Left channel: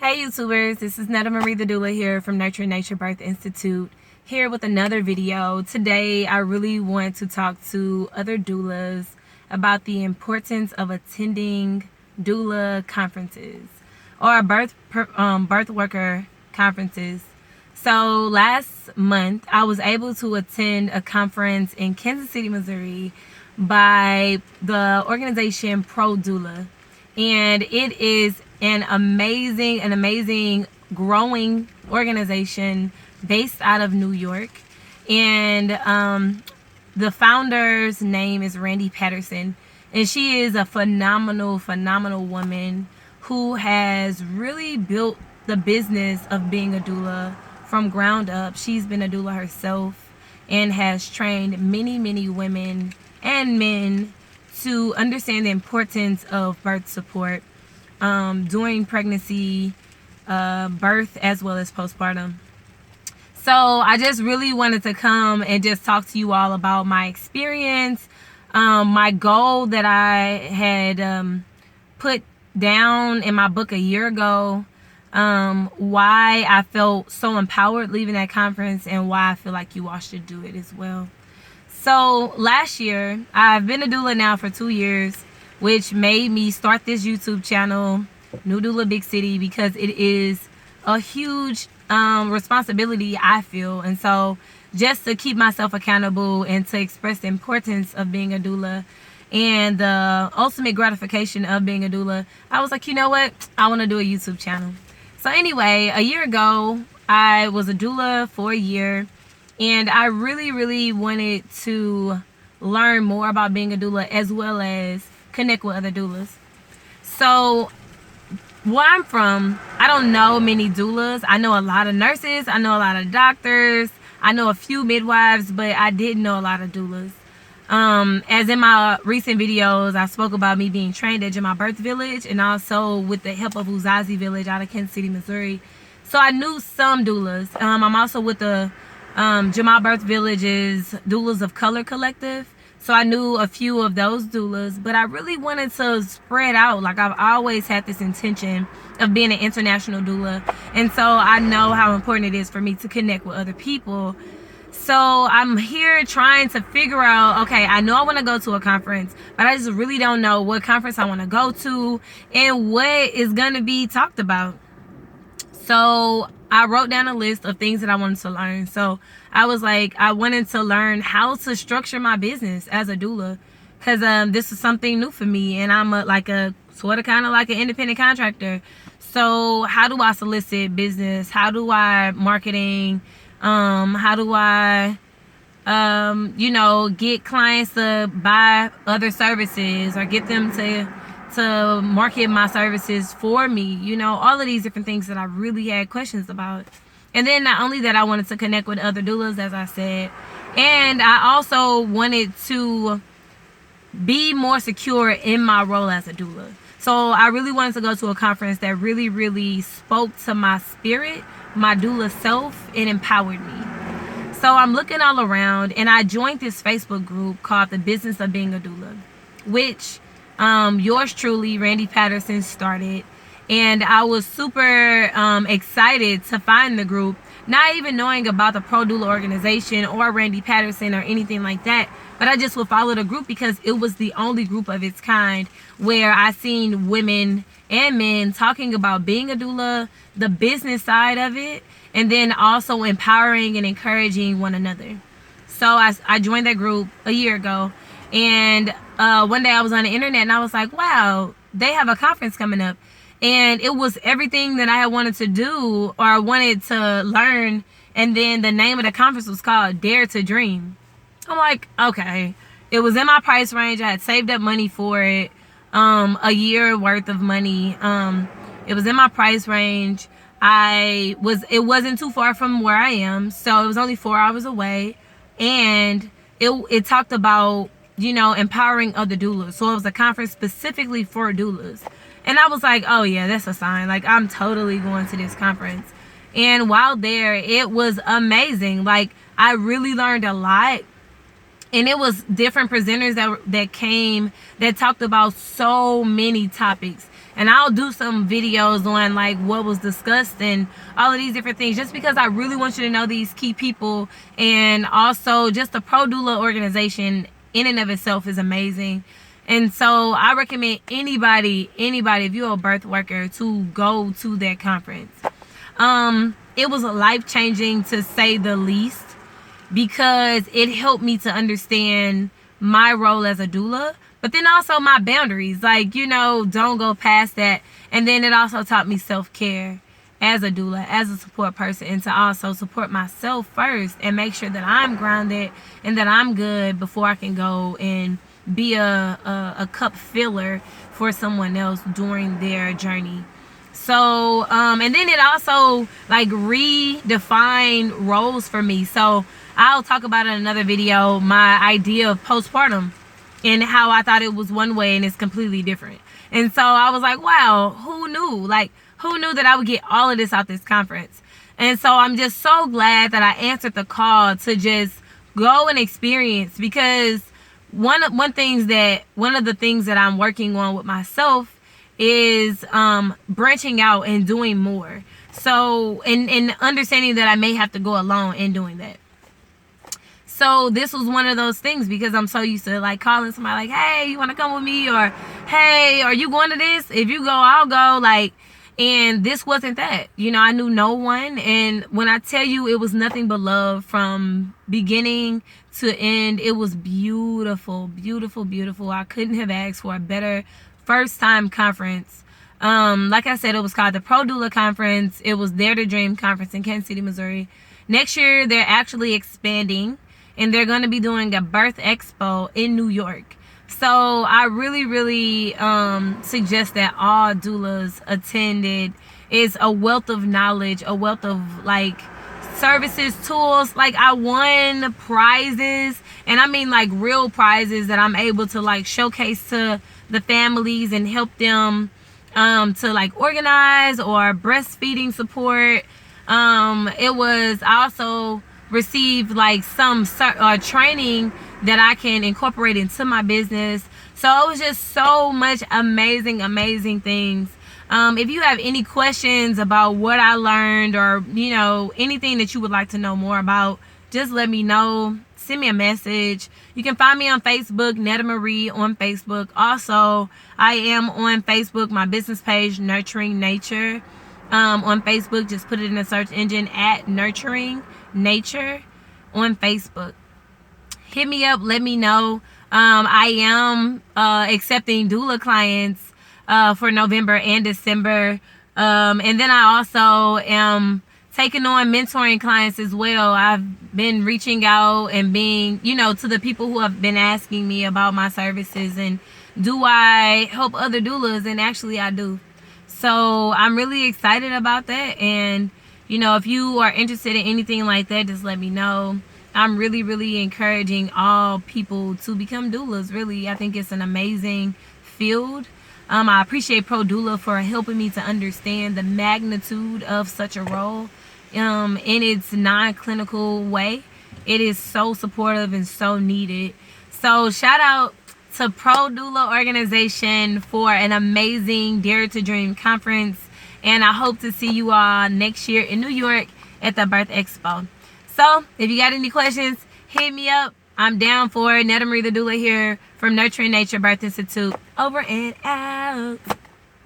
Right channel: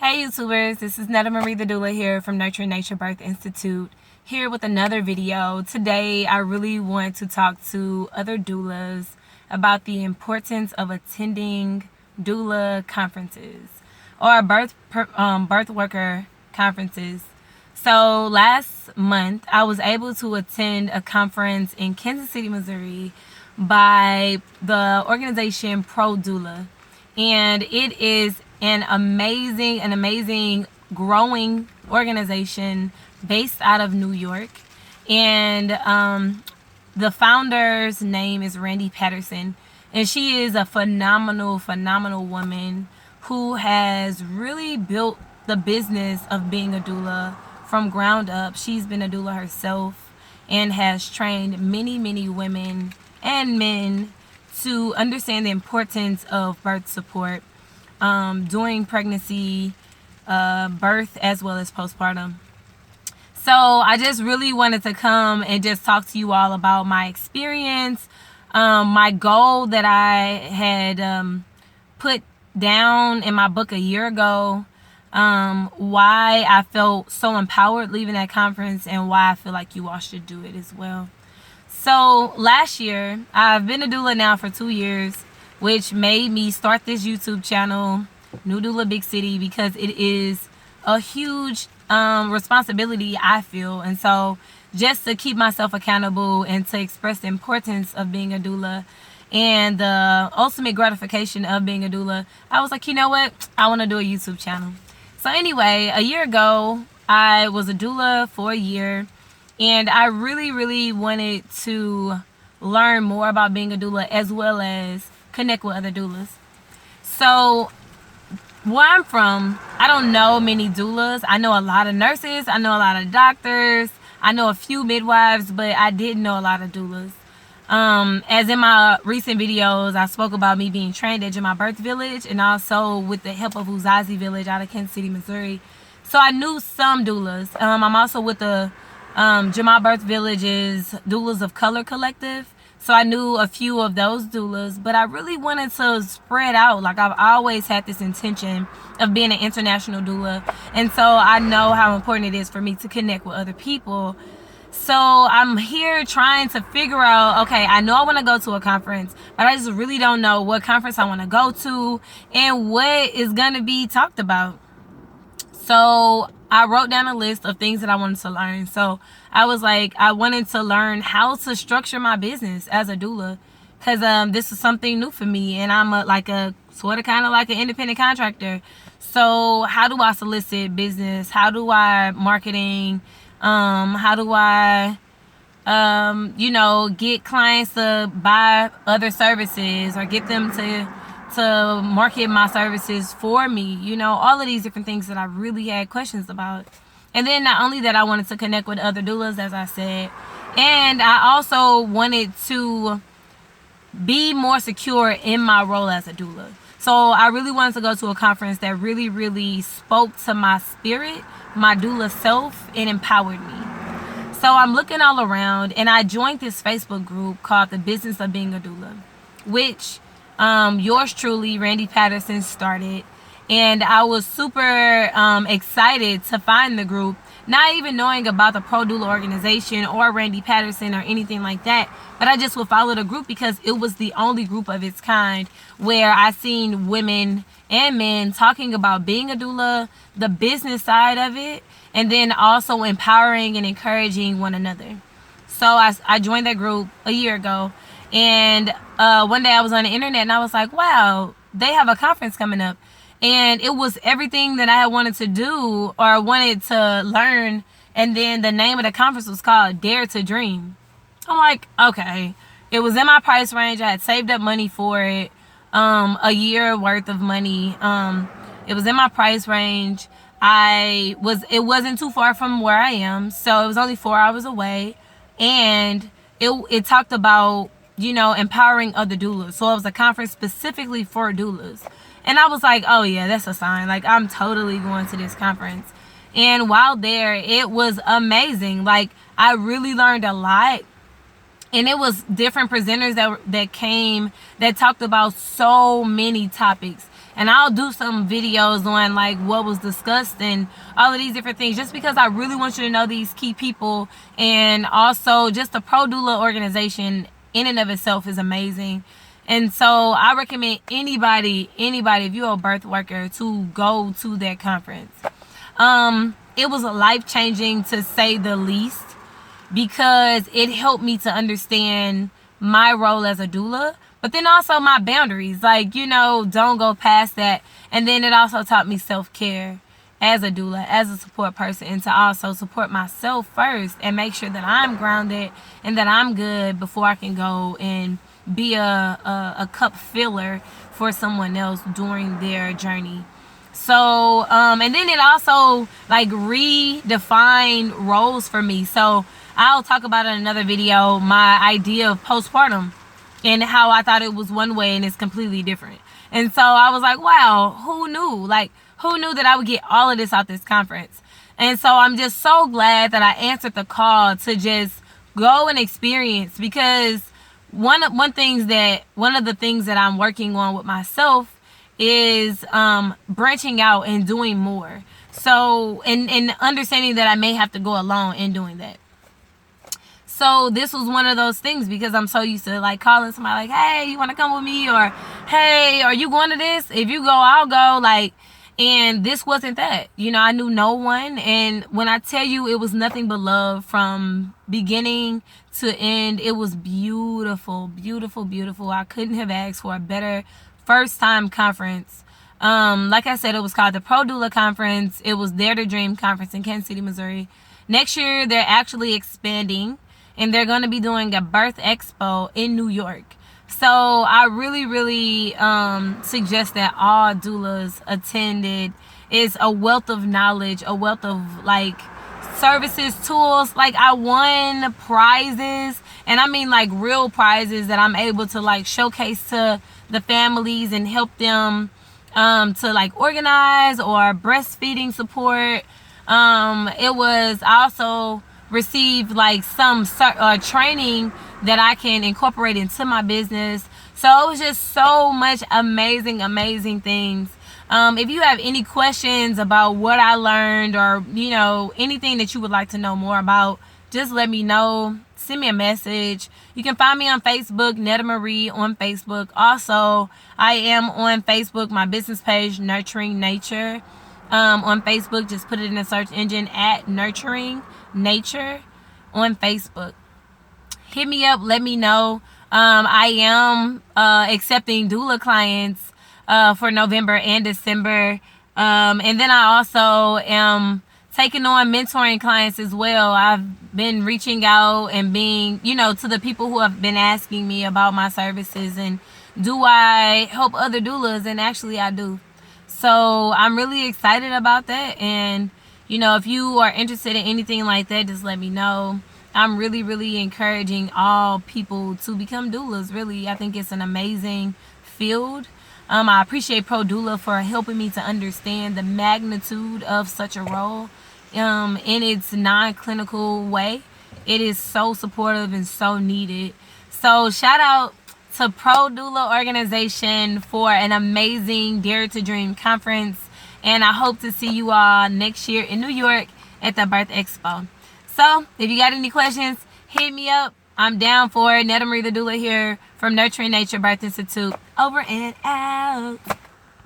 Hey YouTubers, this is Netta Marie the Doula here from Nurturing Nature Birth Institute, here with another video. Today I really want to talk to other doulas about the importance of attending doula conferences or birth worker conferences. So last month I was able to attend a conference in Kansas City, Missouri by the organization Pro Doula, and it is an amazing growing organization based out of New York. And the founder's name is Randy Patterson, and she is a phenomenal woman who has really built the business of being a doula from ground up. She's been a doula herself and has trained many women and men to understand the importance of birth support during pregnancy, birth, as well as postpartum. So I just really wanted to come and just talk to you all about my experience, my goal that I had put down in my book a year ago, why I felt so empowered leaving that conference, and why I feel like you all should do it as well. So last year, I've been a doula now for 2 years, which made me start this YouTube channel, New Doula Big City, because it is a huge responsibility, I feel. And so just to keep myself accountable and to express the importance of being a doula and the ultimate gratification of being a doula, I was like, you know what? I want to do a YouTube channel. So anyway, a year ago, I was a doula for a year, and I really wanted to learn more about being a doula as well as connect with other doulas. So where I'm from, I don't know many doulas. I know a lot of nurses, I know a lot of doctors, I know a few midwives, but I didn't know a lot of doulas. As in my recent videos, I spoke about me being trained at Jama Birth Village, and also with the help of Uzazi Village out of Kansas City, Missouri. So I knew some doulas. I'm also with the Jama Birth Village's Doulas of Color Collective. So I knew a few of those doulas, but I really wanted to spread out. Like, I've always had this intention of being an international doula. And so I know how important it is for me to connect with other people. So I'm here trying to figure out, okay, I know I want to go to a conference, but I just really don't know what conference I want to go to and what is going to be talked about. So I wrote down a list of things that I wanted to learn. So I was like, I wanted to learn how to structure my business as a doula, because this is something new for me, and I'm a sort of kind of like an independent contractor. So how do I solicit business? How do I marketing? How do I get clients to buy other services or get them to market my services for me? All of these different things that I really had questions about. And then not only that, I wanted to connect with other doulas, as I said, and I also wanted to be more secure in my role as a doula. So I really wanted to go to a conference that really spoke to my spirit, my doula self, and empowered me. So I'm looking all around, and I joined this Facebook group called The Business of Being a Doula, which yours truly, Randy Patterson, started. And I was super excited to find the group, not even knowing about the Pro Doula organization or Randy Patterson or anything like that. But I just would follow the group because it was the only group of its kind where I seen women and men talking about being a doula, the business side of it, and then also empowering and encouraging one another. So I joined that group a year ago. And one day I was on the internet and I was like, wow, they have a conference coming up. And it was everything that I had wanted to do or wanted to learn. And then the name of the conference was called Dare to Dream. I'm like, okay. It was in my price range. I had saved up money for it, a year worth of money. It was in my price range. It wasn't too far from where I am. So it was only 4 hours away. And it talked about, empowering other doulas. So it was a conference specifically for doulas. And I was like, oh yeah, that's a sign. Like, I'm totally going to this conference. And while there, it was amazing. Like, I really learned a lot. And it was different presenters that came that talked about so many topics. And I'll do some videos on like what was discussed and all of these different things, just because I really want you to know these key people. And also just the Pro Doula organization in and of itself is amazing. And so I recommend anybody, if you're a birth worker, to go to that conference. It was life-changing, to say the least, because it helped me to understand my role as a doula, but then also my boundaries, like, you know, don't go past that. And then it also taught me self-care as a doula, as a support person, and to also support myself first and make sure that I'm grounded and that I'm good before I can go and be a cup filler for someone else during their journey. So and then it also like redefined roles for me. So I'll talk about in another video my idea of postpartum and how I thought it was one way and it's completely different. And so I was like, wow, who knew? Like, who knew that I would get all of this out this conference? And so I'm just so glad that I answered the call to just go and experience, because one of the things that I'm working on with myself is branching out and doing more. So and understanding that I may have to go alone in doing that. So this was one of those things, because I'm so used to like calling somebody like, hey, you want to come with me? Or, hey, are you going to this? If you go, I'll go. Like, and this wasn't that. You know, I knew no one. And when I tell you it was nothing but love from beginning to end, it was beautiful, beautiful, beautiful. I couldn't have asked for a better first time conference. Like I said, it was called the Pro Doula Conference. It was Dare to Dream Conference in Kansas City, Missouri. Next year, they're actually expanding, and they're going to be doing a birth expo in New York. So I really, really suggest that all doulas attended. It's a wealth of knowledge, a wealth of like services, tools. Like, I won prizes, and I mean like real prizes that I'm able to like showcase to the families and help them to like organize, or breastfeeding support. I also received like some training that I can incorporate into my business. So it was just so much amazing things. If you have any questions about what I learned, or you know, anything that you would like to know more about, just let me know. Send me a message. You can find me on Facebook, Netta Marie on Facebook. Also, I am on Facebook, my business page, Nurturing Nature. On Facebook, just put it in the search engine at Nurturing Nature on Facebook. Hit me up, let me know. I am accepting doula clients for November and December. And then I also am taking on mentoring clients as well. I've been reaching out and being, you know, to the people who have been asking me about my services and do I help other doulas, and actually I do. So I'm really excited about that. And you know, if you are interested in anything like that, just let me know. I'm really, really encouraging all people to become doulas. Really, I think it's an amazing field. I appreciate Pro Doula for helping me to understand the magnitude of such a role in its non-clinical way. It is so supportive and so needed. So shout out to Pro Doula organization for an amazing Dare to Dream conference. And I hope to see you all next year in New York at the Birth Expo. So if you got any questions, hit me up. I'm down for it. Netta Marie the Doula here from Nurturing Nature Birth Institute. Over and out.